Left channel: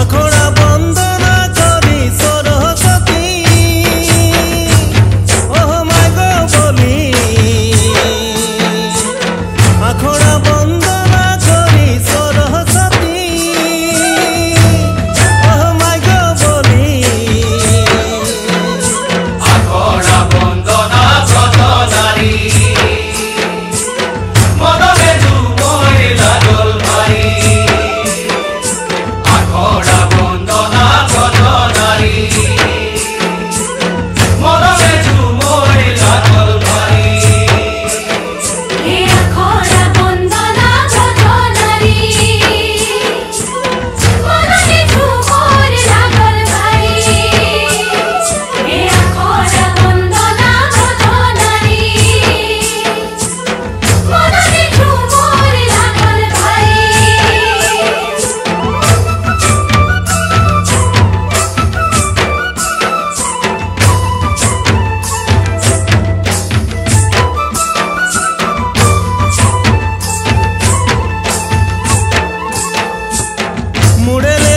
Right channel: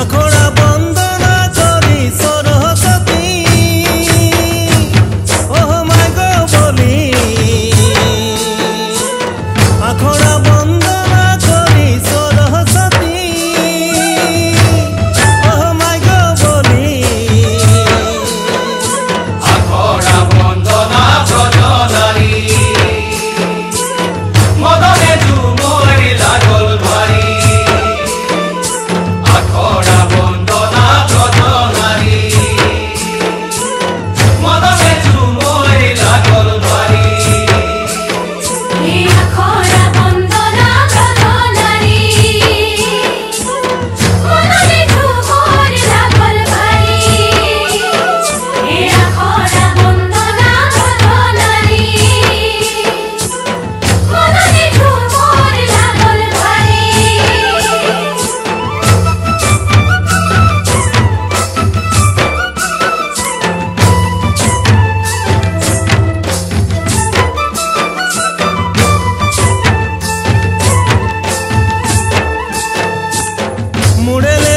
আখড়া বন্দনা করি সরস্বতী ওহ মাই গো বলি আখড়া বন্দনা করি সরস্বতী ওহ মাই গো বলি আখড়া বন্দনা কতলারি মদনে ঝুমরে লাগল ভারি আখড়া বন্দনা কতলারি মদনে ঝুমরে লাগল ভারি হে আখড়া বন্দনা কতলারি মদনে ঝুমরে লাগল ভারি হে আখড়া বন্দনা কতলারি মদনে ঝুমরে লাগল ভারি মুড়েলে